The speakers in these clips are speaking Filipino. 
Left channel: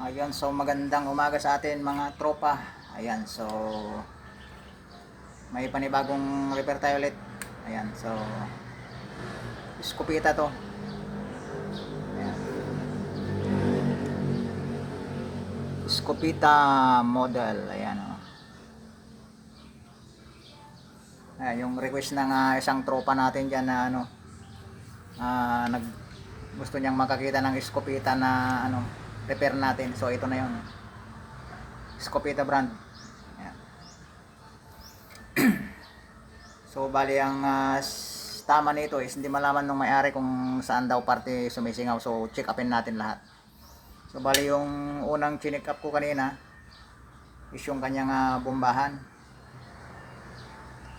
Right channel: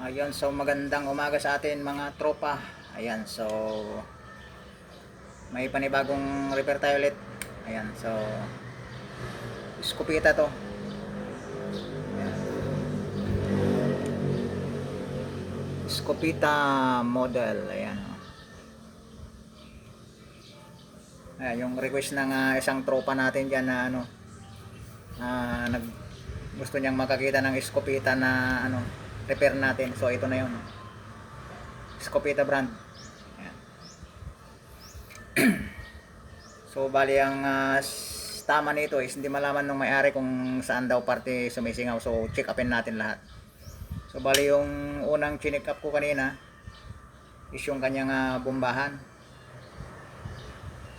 Ayun, so magandang umaga sa atin mga tropa. Ayan, so may panibagong repair tayo ulit. Ayan, so Scopita to. Ayan. Scopita model. Ayan, oh. Ayan, yung request ng isang tropa natin dyan na ano, nag gusto niyang makakita ng Scopita na ano, repair natin. So ito na yun. Scopita brand. Ayan. So bali ang tama nito is hindi malaman ng may-ari kung saan daw parte sumisingaw. So check upin natin lahat. So bali yung unang chinek up ko kanina is yung kanyang bombahan.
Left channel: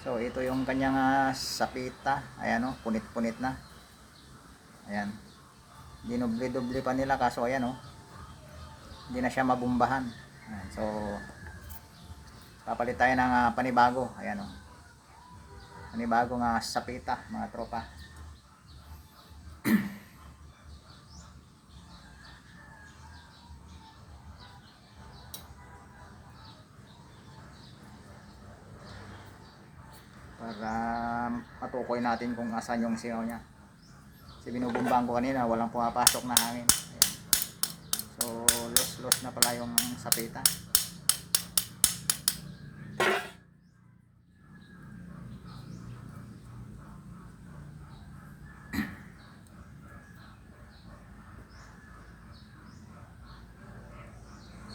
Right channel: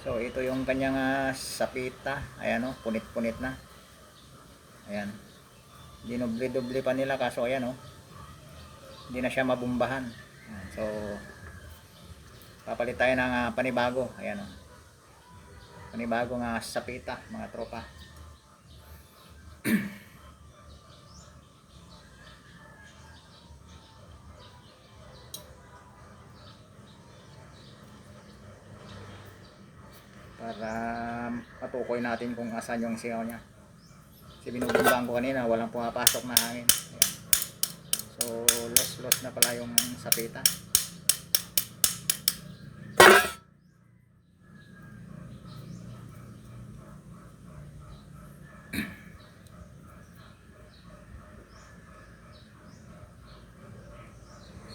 So ito yung kanyang sapita. Ayan, oh, punit-punit na. Ayan. Dinubli-dubli pa nila kaso ayan, oh. Hindi na siya mabombahan. Ayan, so papalit tayo ng panibago. Ayan, oh. Panibagong sapita mga tropa. Para matukoy natin kung asan yung singaw niya. Kasi binubumbang ko kanina, walang pumapasok na hangin. Ayan. So loss na pala yung sapita.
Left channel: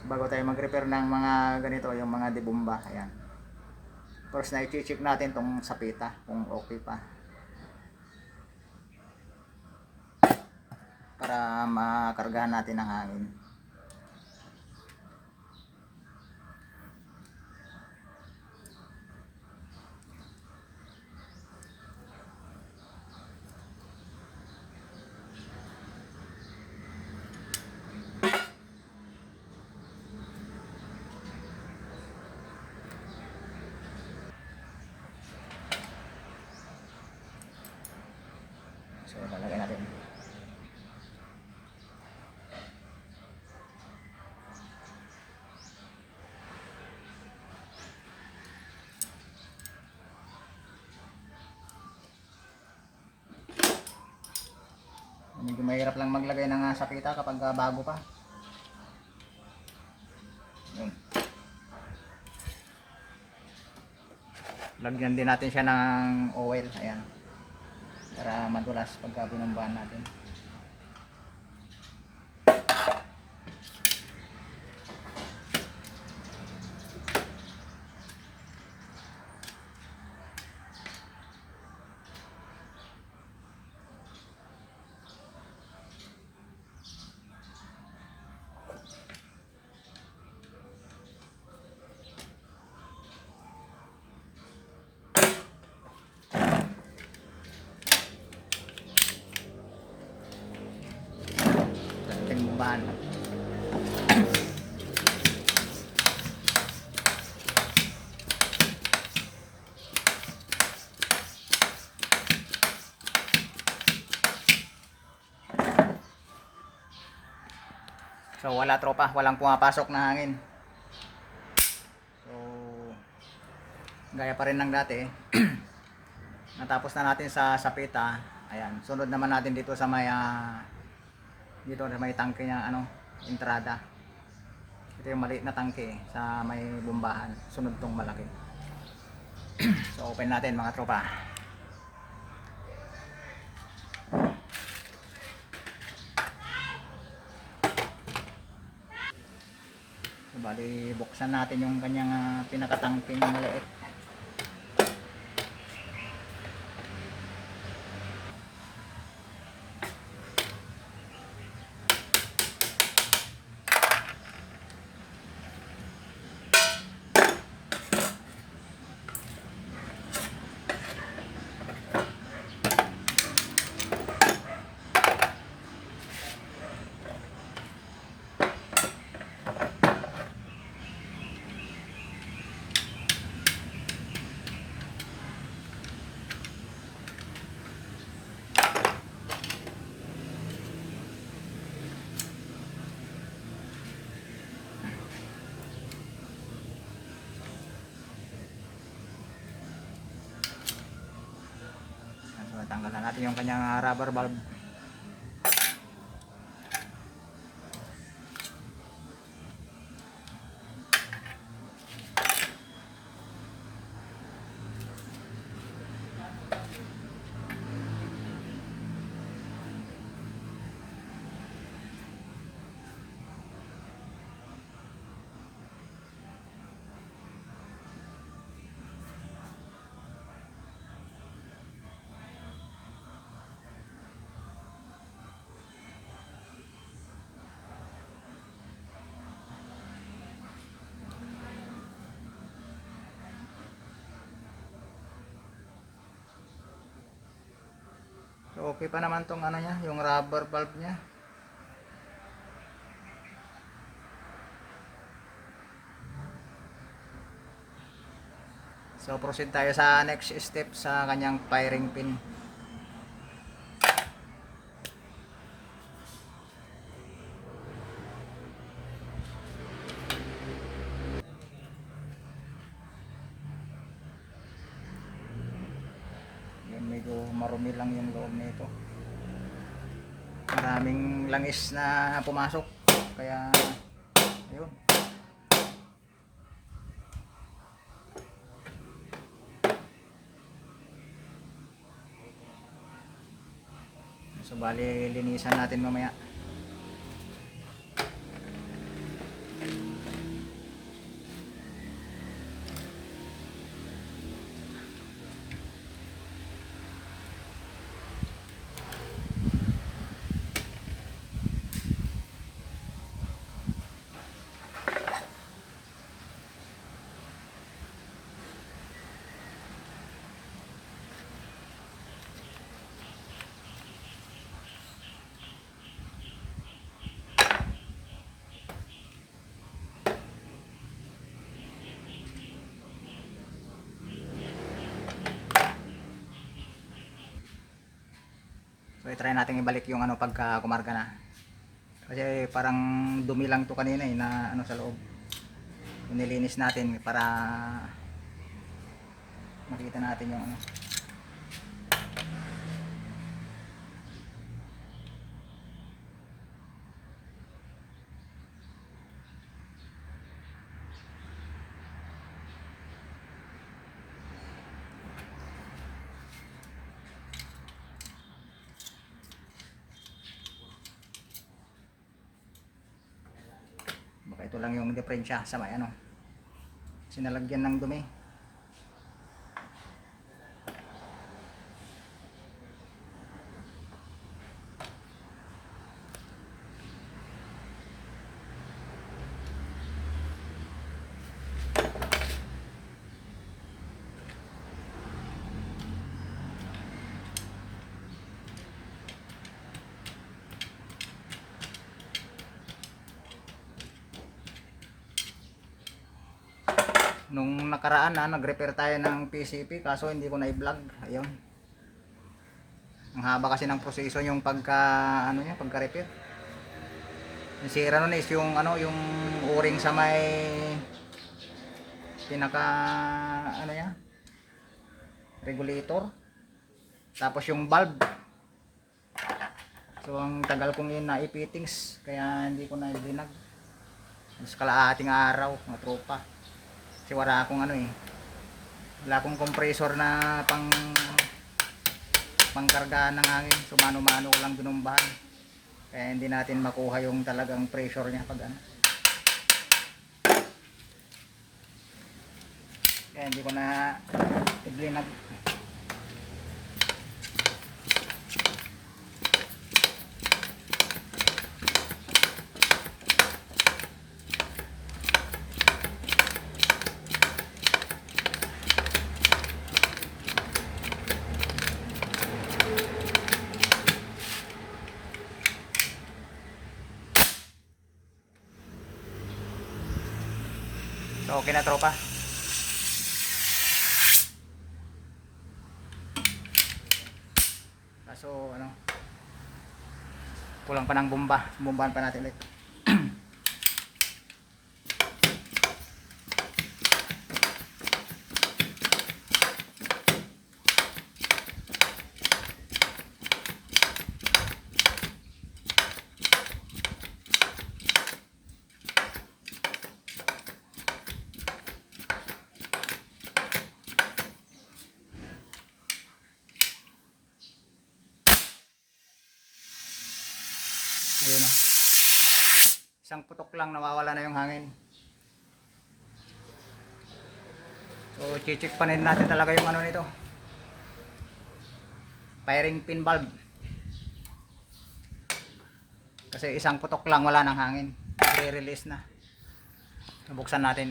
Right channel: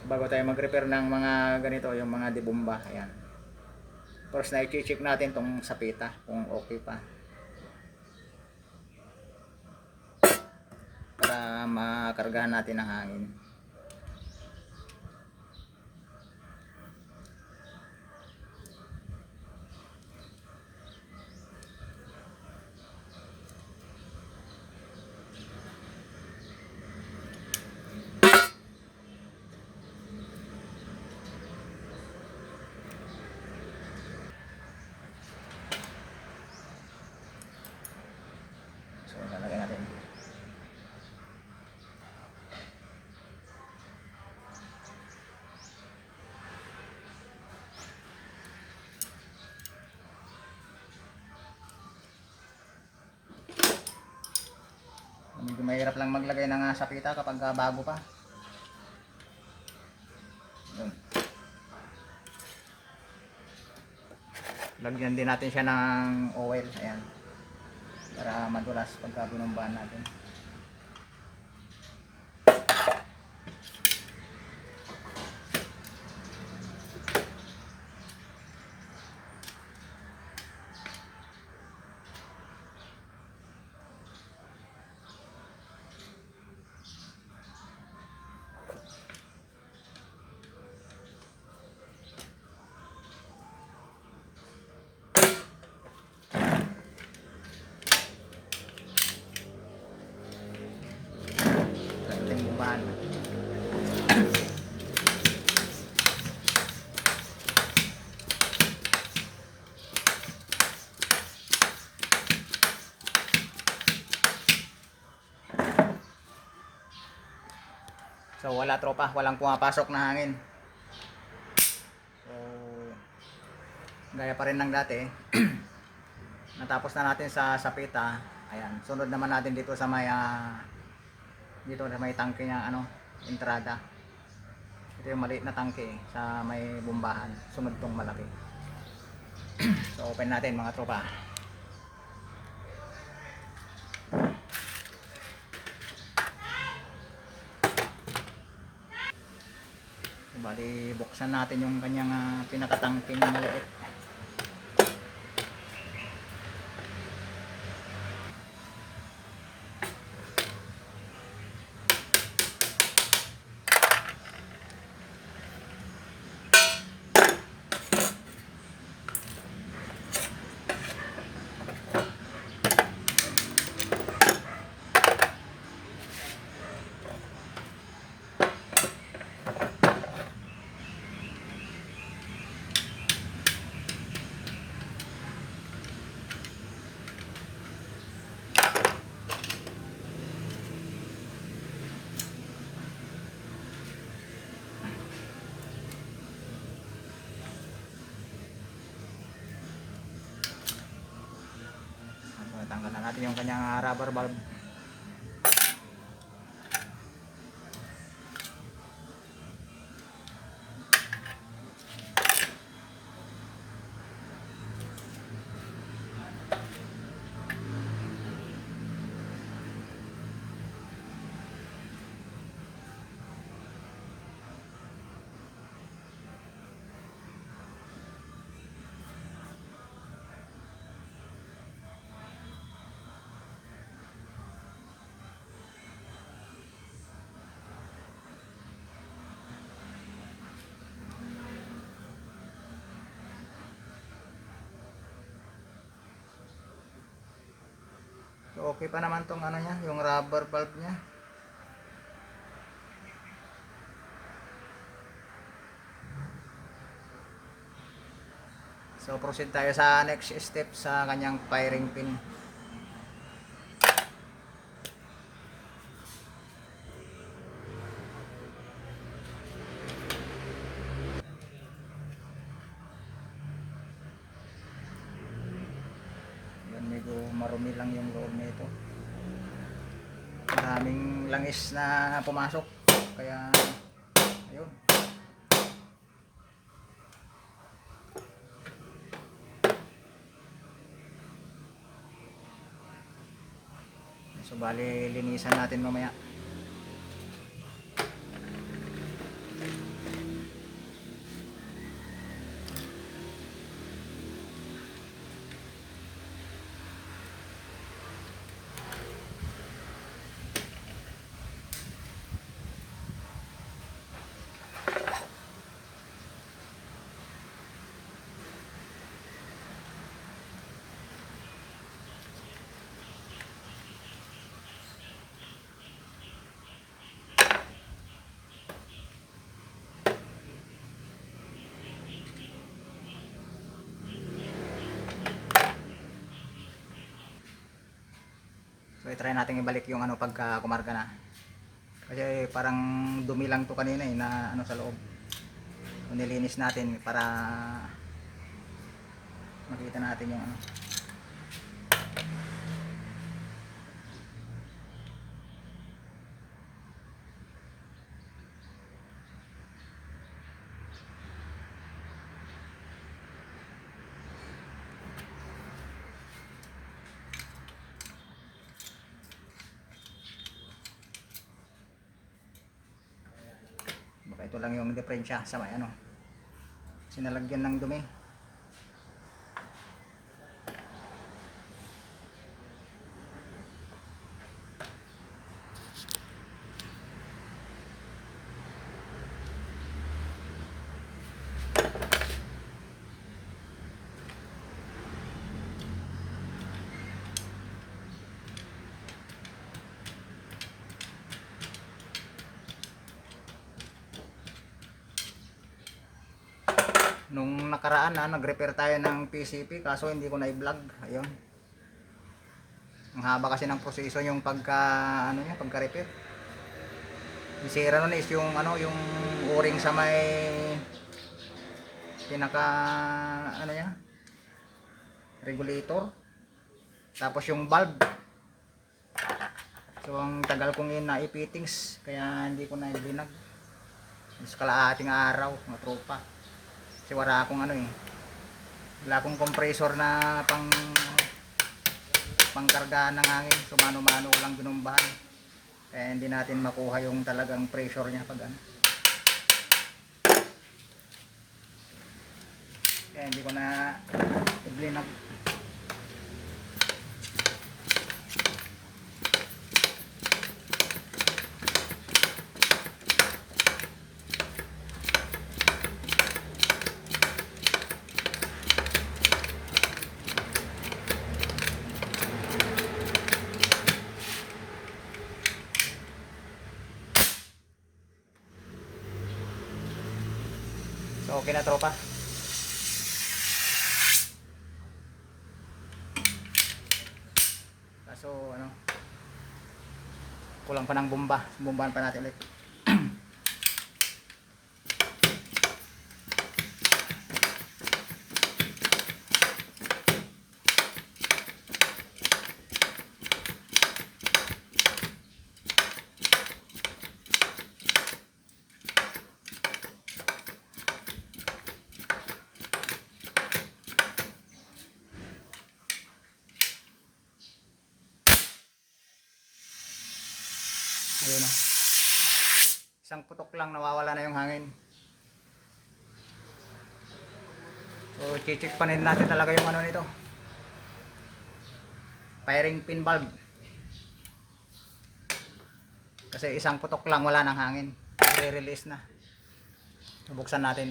Bago tayo mag-repair ng mga ganito, yung mga debomba, ayan. First na i-check natin tong sapita kung okay pa. Para makargahan natin ng hangin. So, lalagyan natin. Medyo mahirap lang maglagay ng sapita kapag bago pa. Yun. Lagyan din natin siya ng oil. Ayan. Para madulas pagka binumbahan natin. So wala tropa, walang pumapasok na hangin. So gaya pa rin ng dati. Natapos na natin sa sapita. Ayan, sunod naman natin dito sa may dito sa may tangke ng entrada. Ito yung maliit na tangke sa may bombahan. Sunod tong malaki. So open natin mga tropa. Bali, buksan natin yung kanyang pinakatangking maliit. natin yung kanyang rubber valve. So okay pa naman tong ano niya, yung rubber valve niya. So proceed tayo sa next step sa kanyang firing pin. Yan, medyo marumi lang yung loob nito. Maraming langis na pumasok. Kaya yun. So bali linisan natin mamaya. So i-try natin ibalik yung ano pagka kumarga na. Kasi parang dumi lang to kanina eh na ano sa loob. Nilinis natin para makita natin yung ano. Baka ito lang yung diferensya sa may ano. Sinalagyan ng dumi. Nung nakaraan nag-repair tayo ng PCP kaso hindi ko na i-vlog. Ayun. Ang haba kasi ng proseso yung pagka ano niya, pagka-repair. Yung sira nun is yung ano, yung o-ring sa may pinaka ano niya, regulator. Tapos yung valve. So ang tagal kong yun na i-fittings kaya hindi ko na i-blinag. Mas kalaating araw, mga tropa. Kasi wala akong ano eh. Wala akong compressor na pangkargaan ng hangin. So mano-mano ko lang binumbahan. Kaya hindi natin makuha yung talagang pressure niya pag ano. Kaya hindi ko na i-blinag. So okay na tropa. Kaso ano, kulang pa ng bomba. Bombahan pa natin ulit. Isang putok lang nawawala na yung hangin. So chichik pa rin natin talaga yung ano nito, firing pin valve. Kasi isang putok lang wala ng hangin, i-release na. Buksan natin.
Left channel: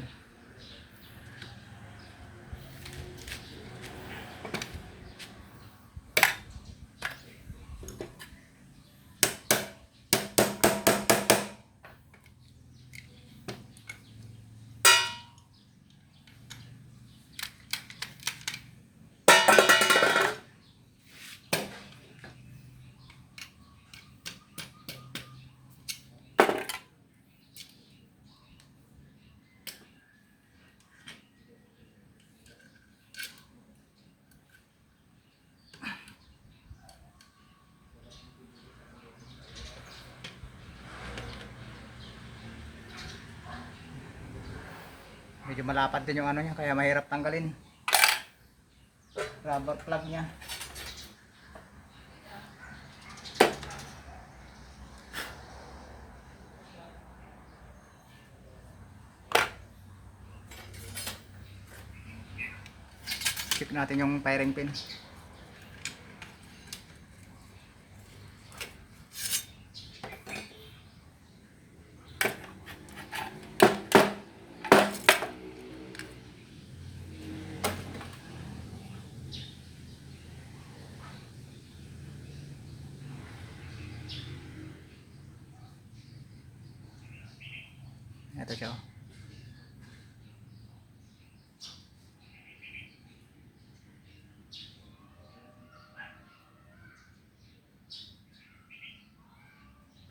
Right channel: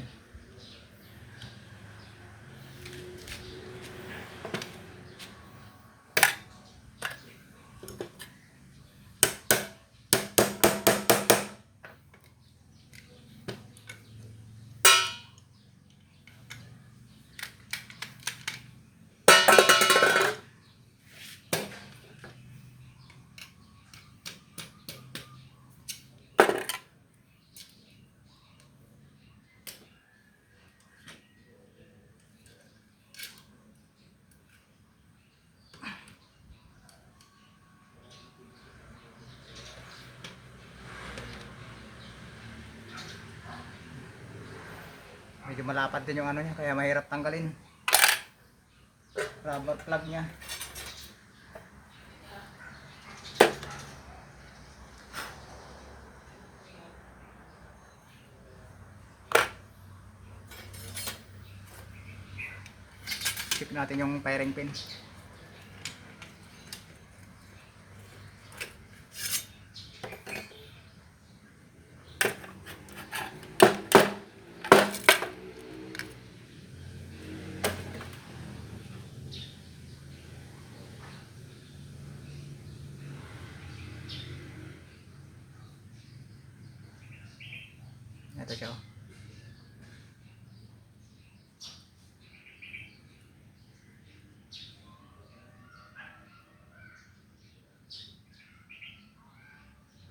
Medyo malapad din yung ano niya, kaya mahirap tanggalin. Rubber plug niya. Check natin yung firing pin. Ito siya.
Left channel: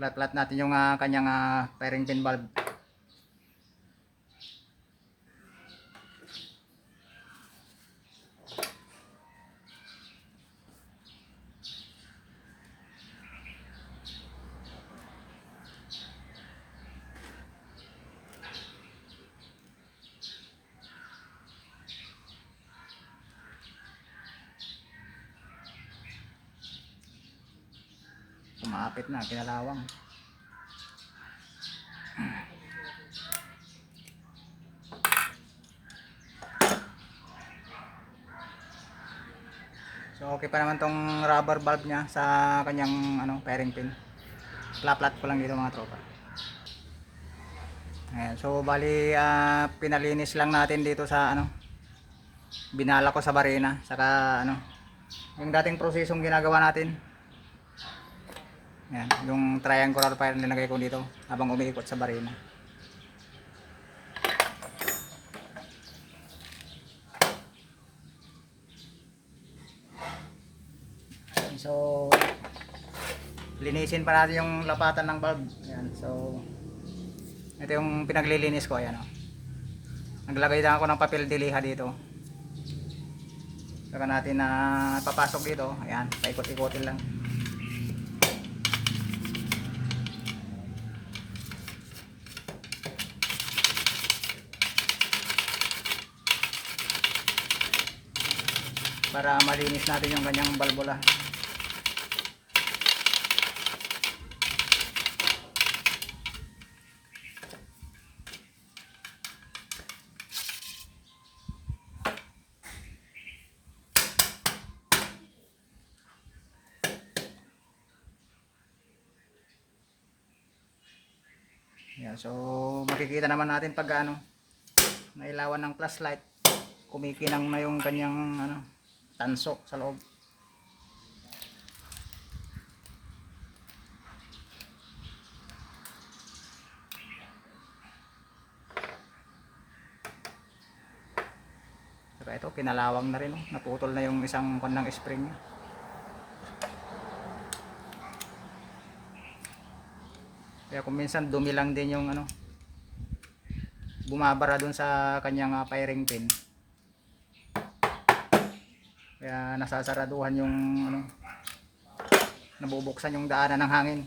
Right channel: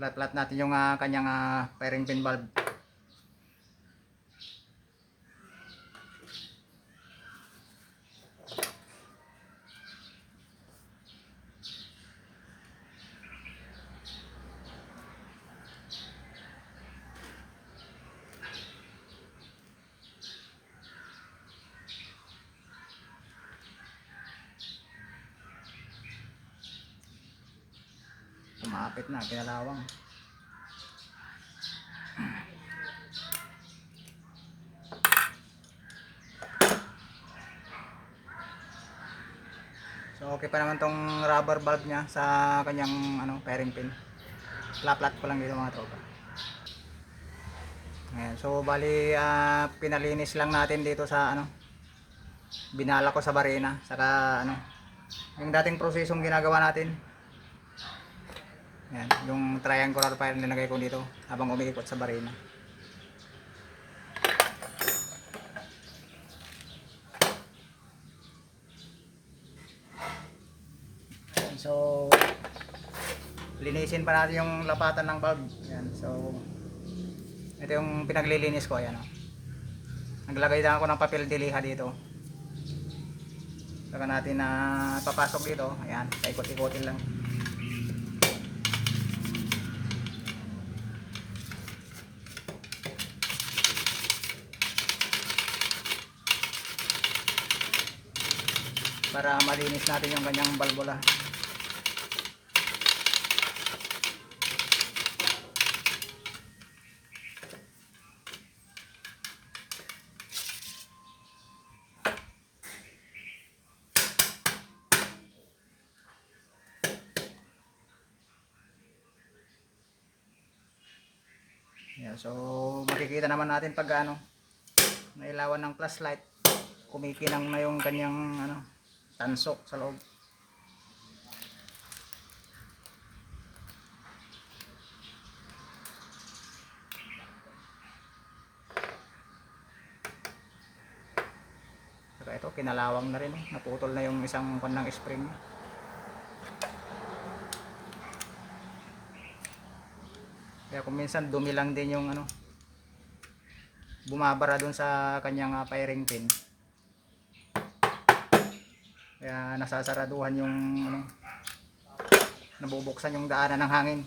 Flat natin yung kanyang firing pin valve. Kumapit na, pinalawang. So okay pa naman tong rubber valve niya sa kanyang firing pin. Flat ko lang dito mga tropa. Ayan, so bali pinalinis lang natin dito sa binala ko sa barina, saka yung dating prosesong ginagawa natin. Ayan, yung triangular fire na nilagay ko dito habang umiikot sa barina. So linisin pa natin yung lapatan ng valve. Ayan, so ito yung pinaglilinis ko. Ayan, naglagay na ako ng papel diliha dito. Saka natin papasok dito. Ayan, paikot-ikotin lang. Para malinis natin yung ganyang balbula. Yeah, so makikita naman natin pag nailawan ng flashlight, kumikinang na yung kanyang tansok sa loob. Pero ito kinalawang na rin, naputol na yung isang kanang spring niya. Kaya kung minsan dumi lang din yung bumabara dun sa kanyang firing pin. Kaya nasasaraduhan yung nabubuksan yung daanan ng hangin.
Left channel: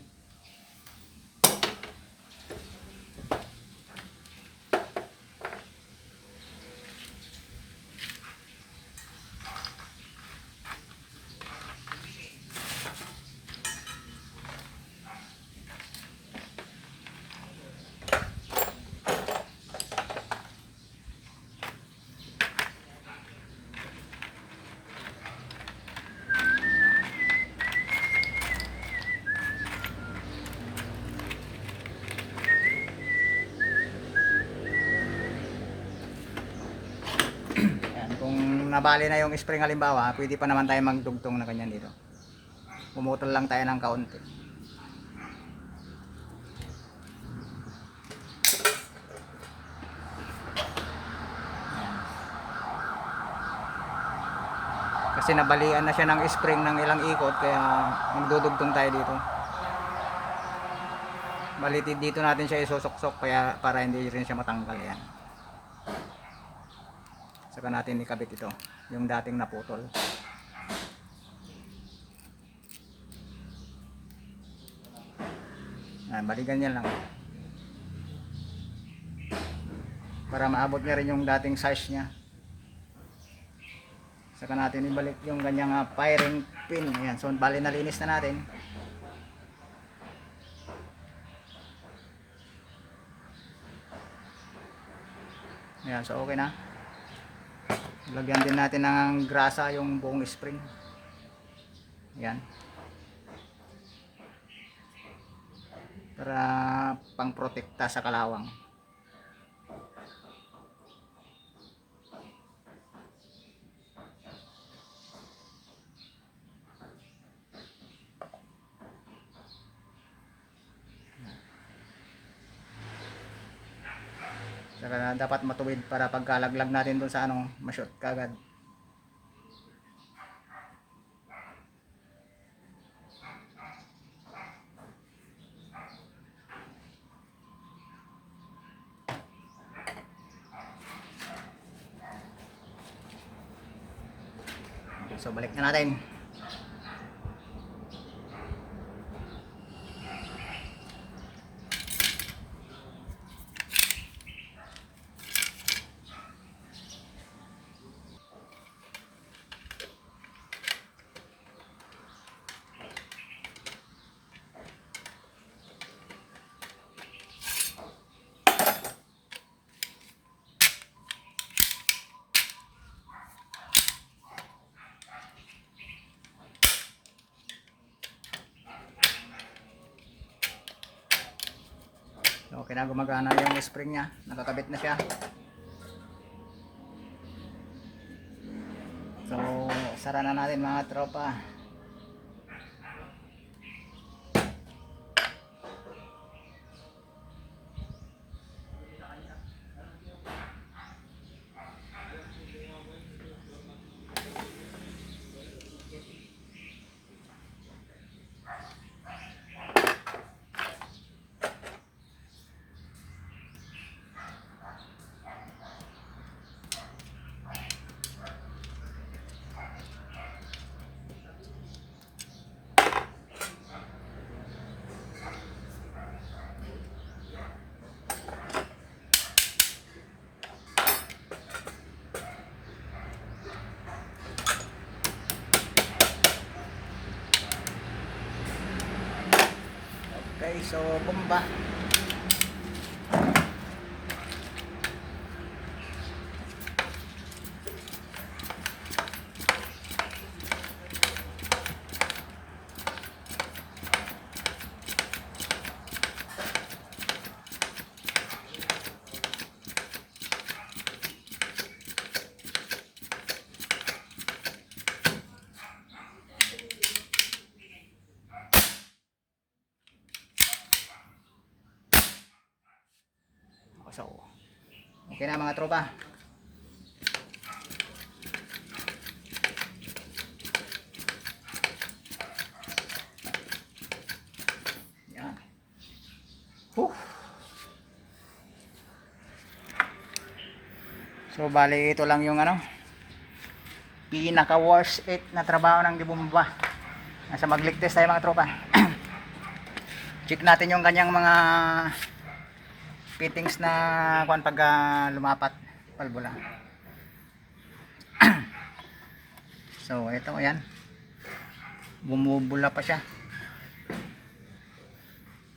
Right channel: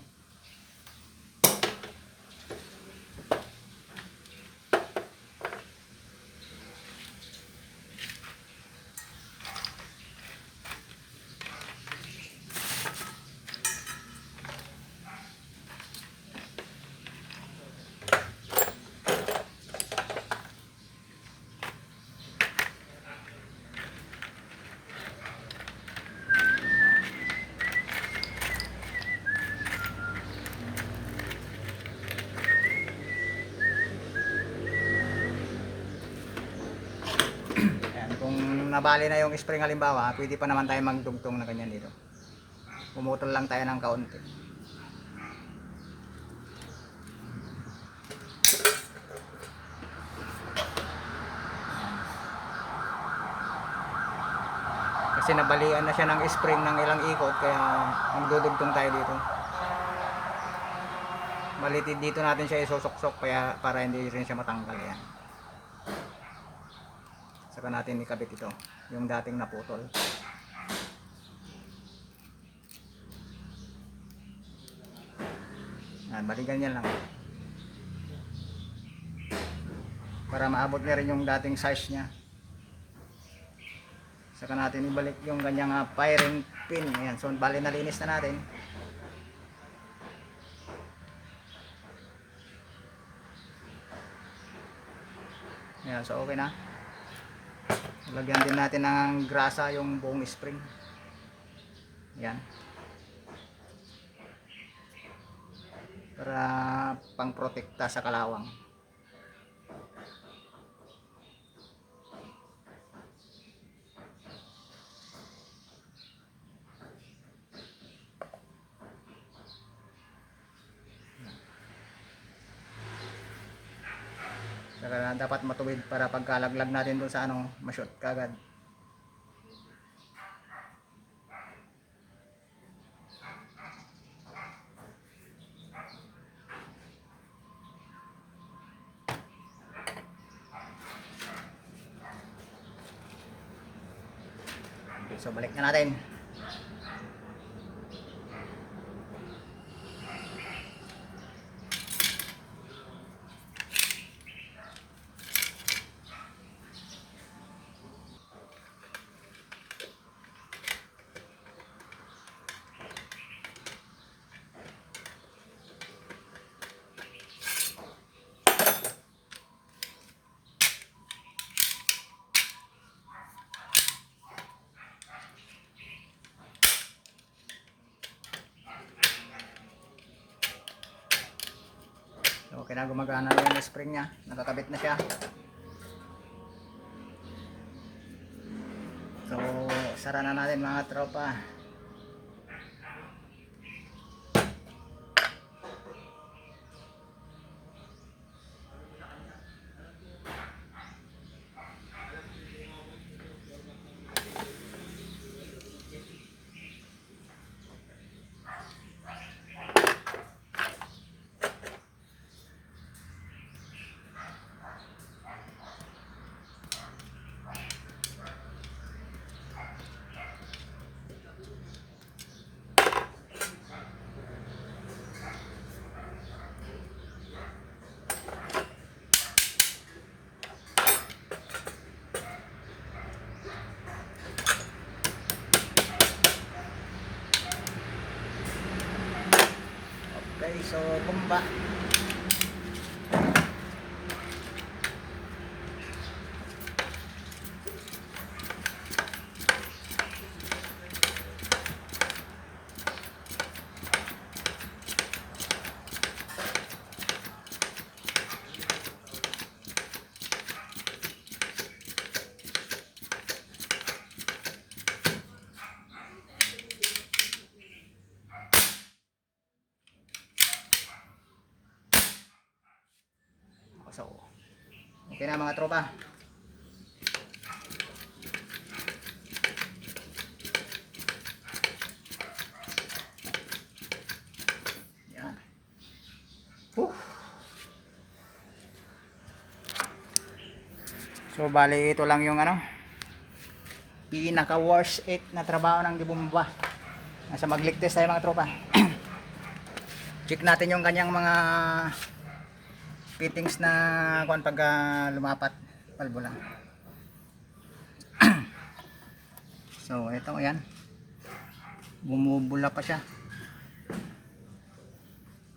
nabali na yung spring halimbawa, pwede pa naman tayo magdugtong na ganyan dito. Pumutol lang tayo ng kaunti. Kasi nabalian na siya ng spring ng ilang ikot, kaya magdudugtong tayo dito. Balitid dito natin siya isusok-sok kaya para hindi rin siya matanggal yan. Saka natin ikabit ito, yung dating naputol. Yan, bali ganyan lang. Para maabot niya rin yung dating size niya. Saka natin ibalik yung kanyang firing pin. Ayan, so bali nalinis na natin. Ayan, so okay na. Lagyan din natin ng grasa yung buong spring. Ayan. Para pang protekta sa kalawang. Saka dapat matuwid para pagkalaglag natin dun sa ano, ma-shoot kagad. So balik na natin. Okay na, gumagana yung spring nya, nakakabit na siya. So sara na natin mga tropa. Okay, so bomba. So, okay na mga tropa. Yan. So, bali ito lang yung ano, pinaka worst 8 na trabaho ng gibomba. Nasa magligtas tayo mga tropa. Check natin yung kanyang mga fittings na kuan pag lumapat palbula. So ito yan, bumubula pa siya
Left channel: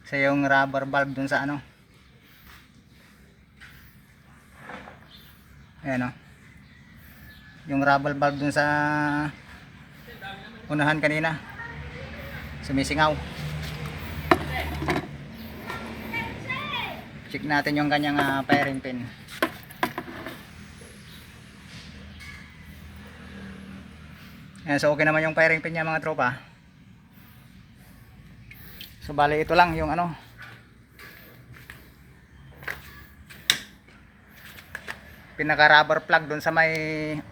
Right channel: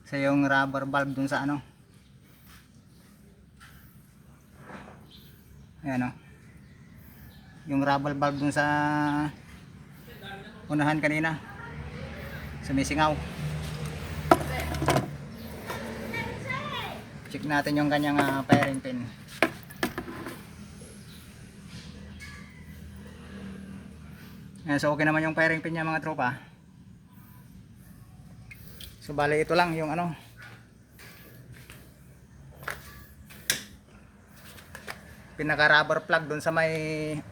sa yung rubber valve dun sa ano, ayan o, yung rubber valve dun sa unahan kanina sumisingaw. Check natin yung kanyang firing pin. Ayan, so okay naman yung firing pin niya mga tropa. So bali ito lang yung ano, pinaka rubber plug doon sa may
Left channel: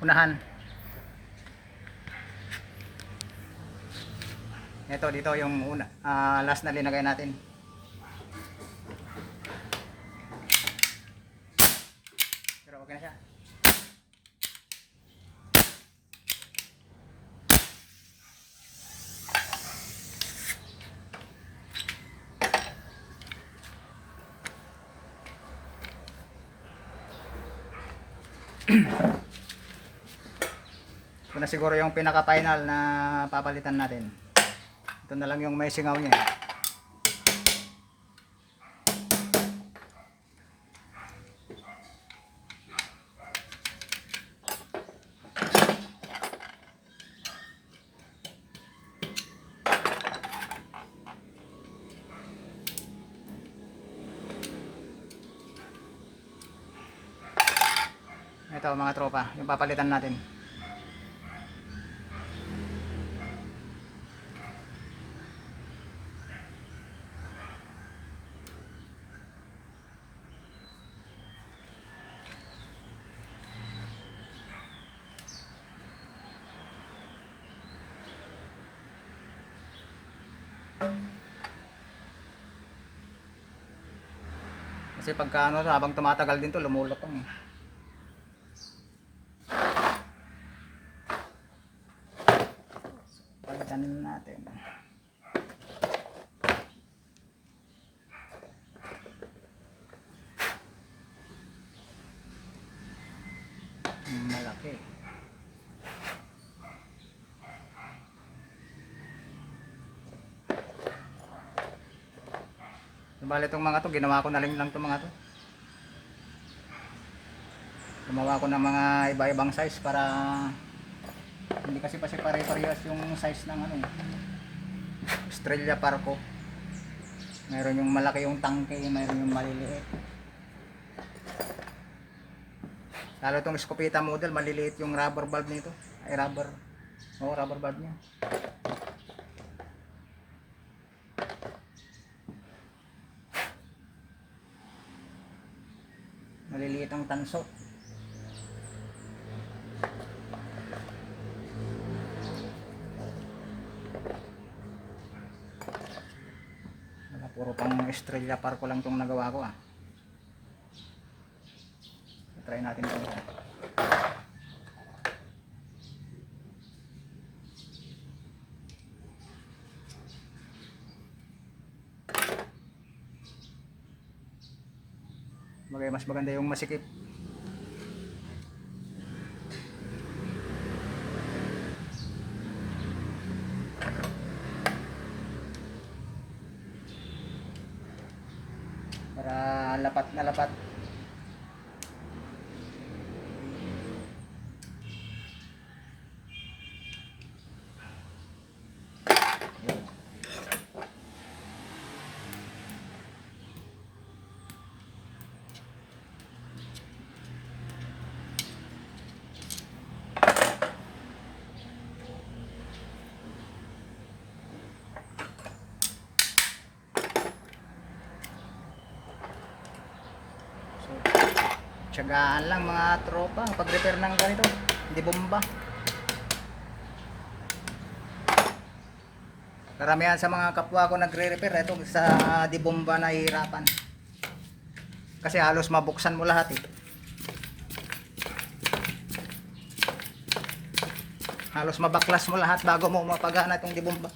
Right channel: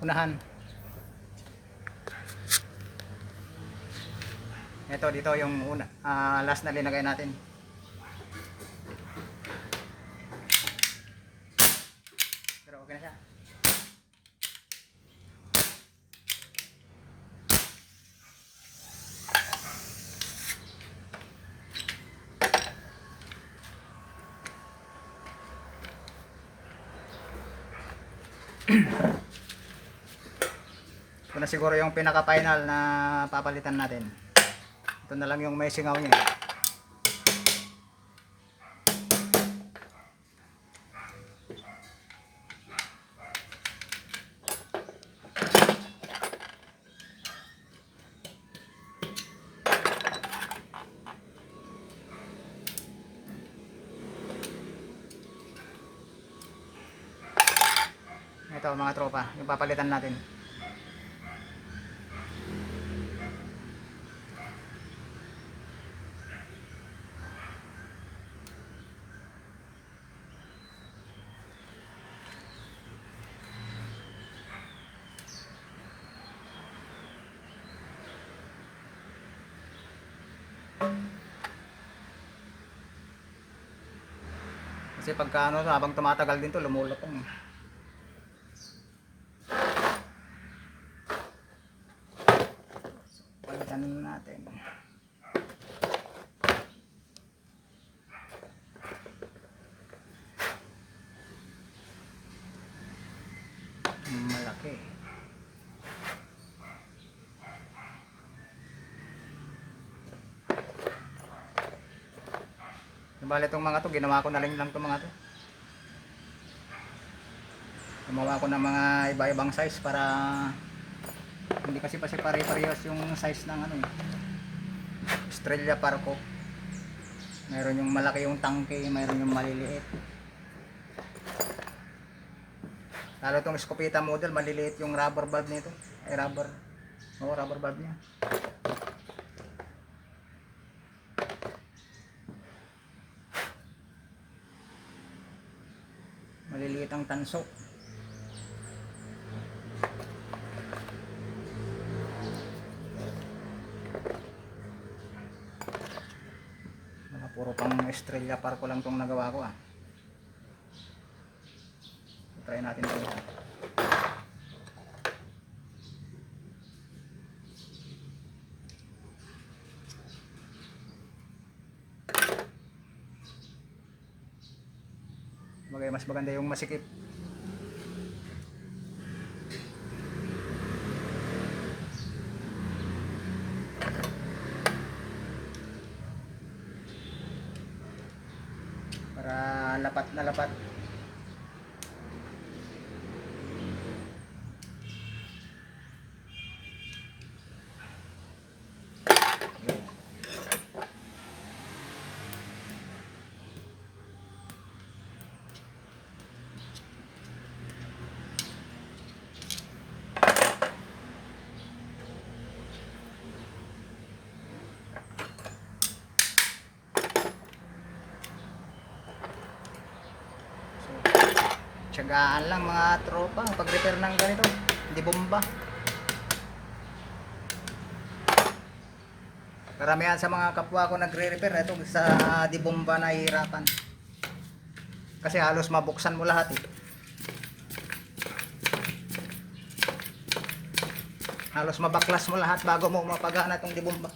unahan. Ito dito yung una, last na linagay natin. Pero okay na siya. Ito na siguro yung pinaka final na papalitan natin. Ito na lang yung may singaw niya. Ito mga tropa, yung papalitan natin. Kasi pagka ano, habang tumatagal din to, lumulutong. Palitan natin. Malaki. Bale itong mga to, ginawa ko na lang itong mga to. Gumawa ko ng mga iba-ibang size para hindi kasi pare-parehas yung size ng ano, Australia Parco. Mayroon yung malaki yung tangke, mayroon yung maliliit. Lalo itong Escopeta model, maliliit yung rubber valve nito. Ay rubber valve niya. Maliliit ang tanso. Puro pang Australia Parco lang itong nagawa ko. Try natin ito. Mas maganda yung masikip. Para lapat na lapat. Tiyagaan lang mga tropa pag repair ng ganito, hindi bomba. Karamihan sa mga kapwa ko nagre-repair ito sa di bomba na hihirapan. Kasi halos mabuksan mo lahat eh. Halos mabaklas mo lahat bago mo mapagana itong di bomba.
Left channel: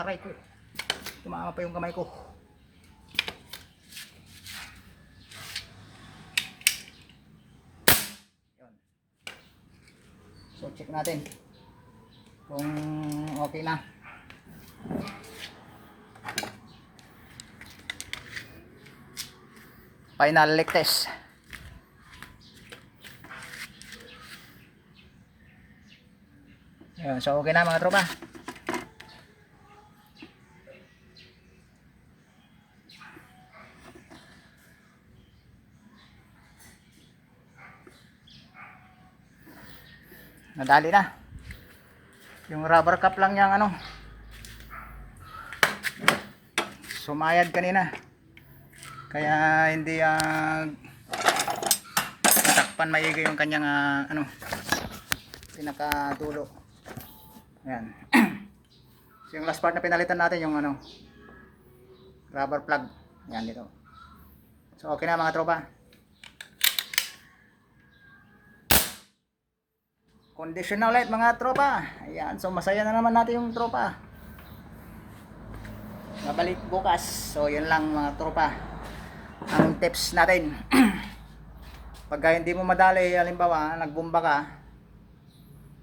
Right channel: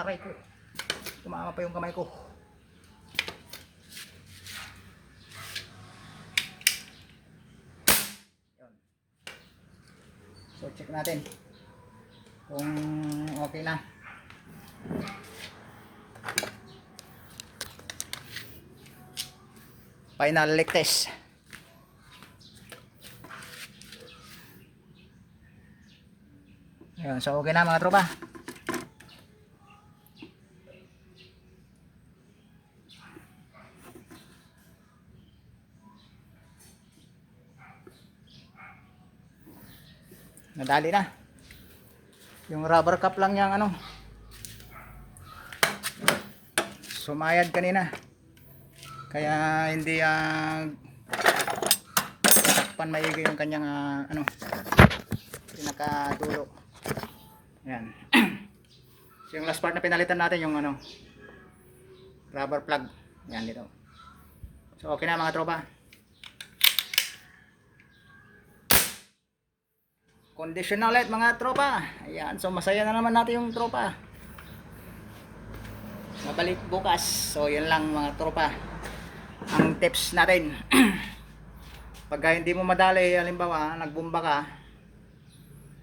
Aray ko. Tumama pa yung kamay ko. So check natin kung okay na. Final leak test. Ayun, so okay na mga tropa. Nadali na. Yung rubber cap lang niyang ano, sumayad kanina. Kaya hindi tatakpan maigi yung kanyang ano, pinakadulo. Ayan. So yung last part na pinalitan natin yung ano, rubber plug. Ayan dito. So okay na mga tropa. Condition na ulit mga tropa. Ayan, so masaya na naman natin yung tropa. Mabalik bukas. So yun lang mga tropa. Ang tips natin. Pagka hindi mo madali, halimbawa, nagbumba ka,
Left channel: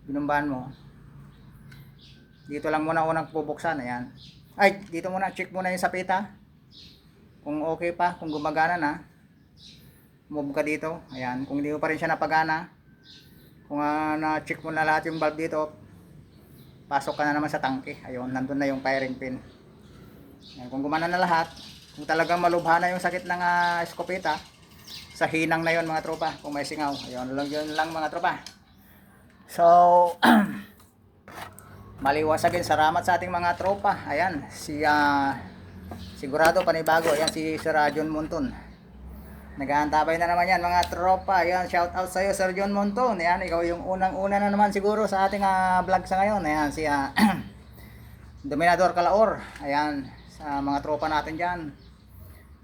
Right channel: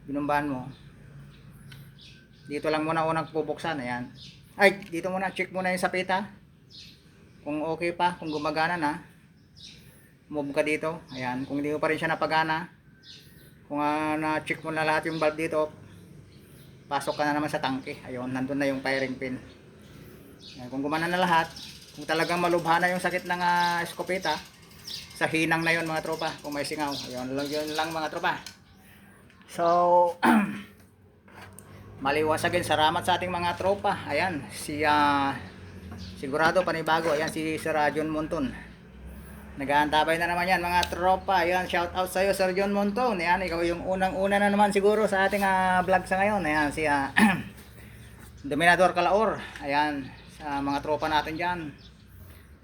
binumbahan mo, dito lang muna unang bubuksan. Ayan. Ay, dito muna, check muna yung sapita. Kung okay pa, kung gumagana na, move ka dito. Ayan, kung hindi mo pa rin siya napagana, kung na-check mo na lahat yung valve dito, pasok ka na naman sa tangke. Ayun, nandun na yung firing pin. Ayan, kung gumana na lahat, kung talagang malubha na yung sakit ng eskopeta, sa hinang na yon mga tropa, kung may singaw. Ayun, yun lang mga tropa. So, maliwasagin, salamat sa ating mga tropa. Ayan, sigurado panibago. Ayan, si Sir John Monton. Nag-aantabay na naman yan mga tropa. Ayan, shout out sa iyo Sir John Monton. Ayan, ikaw yung unang-una na naman siguro sa ating vlog sa ngayon. Ayan, si Dominador Calaor. Ayan, sa mga tropa natin dyan.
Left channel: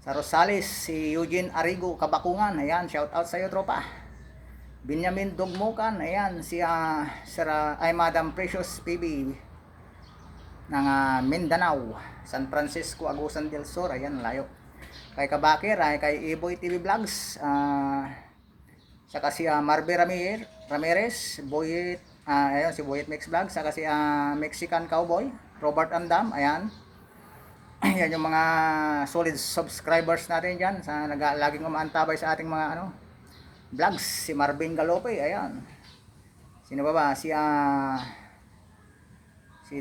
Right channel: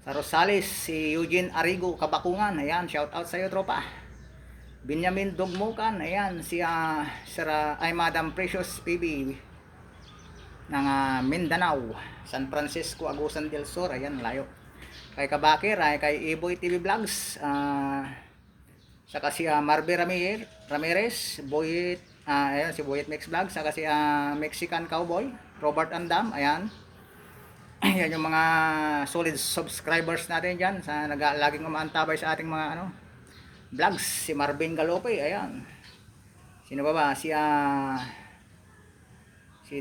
Sa Rosales, si Eugene Arigo Kabakungan. Ayan, shout out sa iyo tropa. Benjamin Dugmukan. Ayan, si Madam Precious PB ng Mindanao, San Francisco, Agusan del Sur. Ayan, layo. Kay Kabakir, kay Iboy TV Vlogs, saka si Marbe Ramirez, Boyet, ayan, si Boyet Mix Vlogs, saka si Mexican Cowboy, Robert Andam. Ayan. Yan yung mga solid subscribers natin dyan sa laging umaantabay sa ating mga vlogs. Si Marvin Galope. Ayan. Sino ba? Si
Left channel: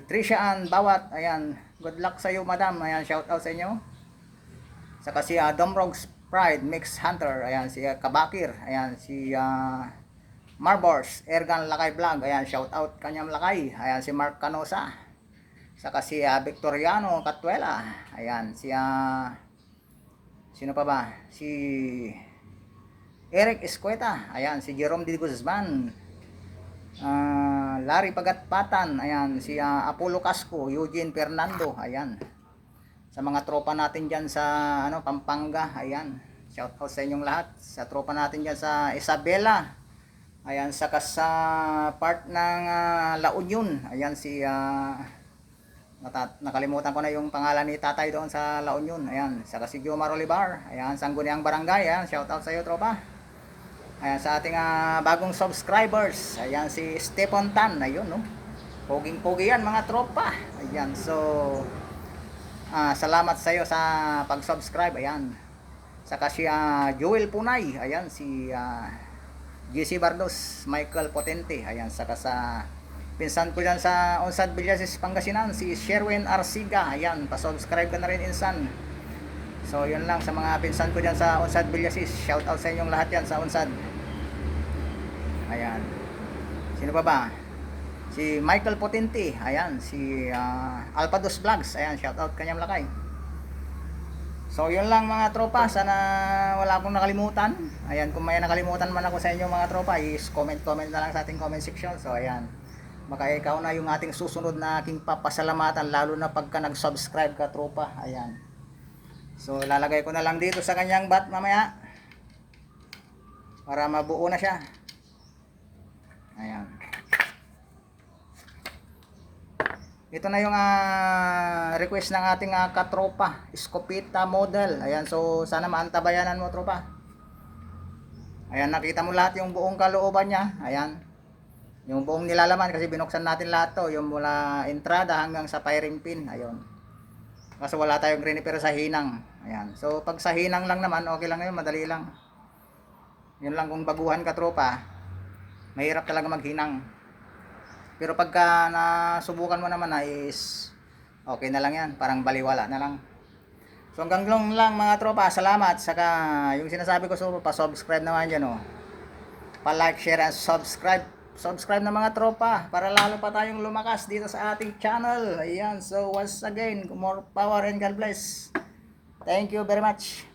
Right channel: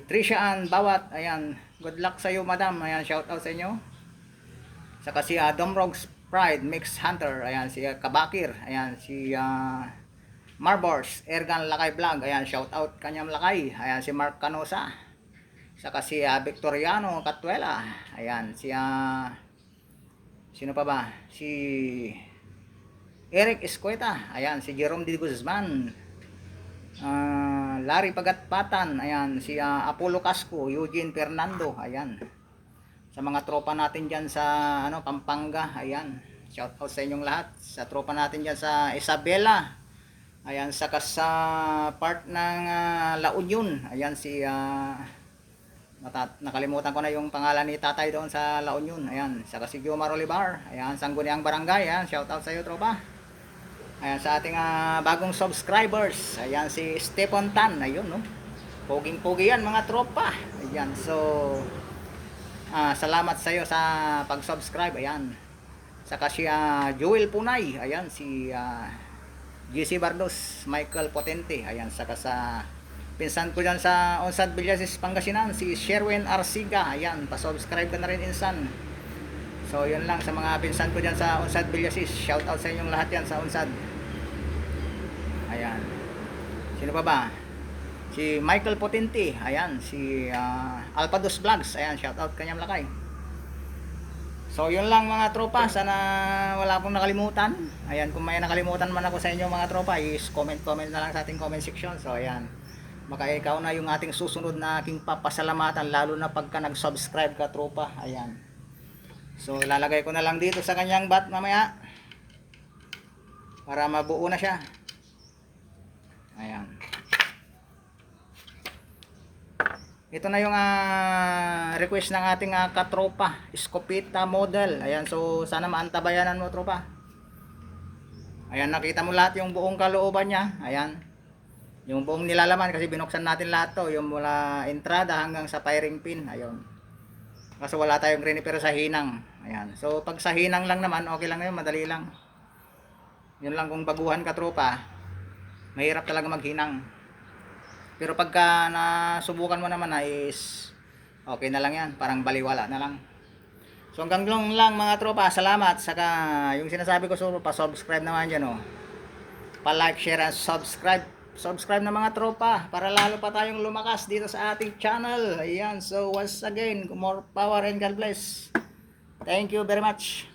Trisha Ann Bawat. Ayan, good luck sa iyo madam. Ayan, shout out sa inyo. Saka si Domrogs Pride Mix Hunter. Ayan, si Kabakir. Ayan, si Marbors Ergan Lakay Vlog. Ayan, shout out kanyang Lakay. Ayan, si Mark Canosa. Saka si Victoriano Catuela. Ayan, si sino pa ba? Si Eric Escueta. Ayan, si Jerome D. Guzman. Larry Pagatpatan. Ayan, si Apollo Casco, Eugene Fernando. Ayan. Sa mga tropa natin diyan sa Pampanga. Ayan. Shout out sa inyong lahat. Sa tropa natin diyan sa Isabela. Ayan, saka sa part ng La Union. Ayan, si nakalimutan ko na yung pangalan ni tatay doon sa La Union. Ayan, saka si Jomar Olivar. Ayan, Sangguniang Barangay. Ayan, shout out sa iyo tropa. Ayan, sa ating bagong subscribers. Ayan, si Stephen Tan. Ayun, no? Poging-pogi yan mga tropa. Ayan, so salamat sa iyo sa pag-subscribe. Ayan. Saka si Joel Punay. Ayan, si GC Bardos, Michael Potente. Ayan, saka sa pinsan ko dyan sa Onsad Villasis, Pangasinan, si Sherwin Arsiga. Ayan, pa-subscribe ka na rin insan. So yun lang sa mga pinsan ko dyan sa Onsad Villasis. Shout out sa inyong lahat yan sa Onsad. Ayan, sino pa ba? Si Michael Potente. Ayan, si Alpados Vlogs. Ayan, shout out kanyang Lakay. So yun lang mga tropa, sana wala akong nakalimutan. Ayan, kung may nakalimutan man ako sa inyo mga tropa, is comment na lang sa ating comment section. So ayan, baka ikaw na yung ating susunod na aking papasalamatan, lalo na pagka nag-subscribe ka tropa. Ayan, so ilalagay ko na lang dito sa kanyang bat mamaya para mabuo na siya. Ayan, ito na yung request ng ating katropa, Escopeta model. Ayan, so sana maantabayanan mo tropa. Ayan, nakita mo lahat yung buong kalooban niya. Ayan, yung buong nilalaman kasi binuksan natin lahat to, yung mula entrada hanggang sa firing pin. Ayun, kasi wala tayong green pero sa hinang. Ayan, so pag sa hinang lang naman okay lang yun, madali lang. Yun lang, kung baguhan ka tropa, mahirap talaga maghinang. Pero pagka nasubukan mo naman is okay na lang yan, parang baliwala na lang. So hanggang lang mga tropa, salamat. Saka yung sinasabi ko, so pa-subscribe naman dyan, pa-like, share and subscribe subscribe na mga tropa para lalo pa tayong lumakas dito sa ating channel. Ayan, so once again, more power and God bless. Thank you very much.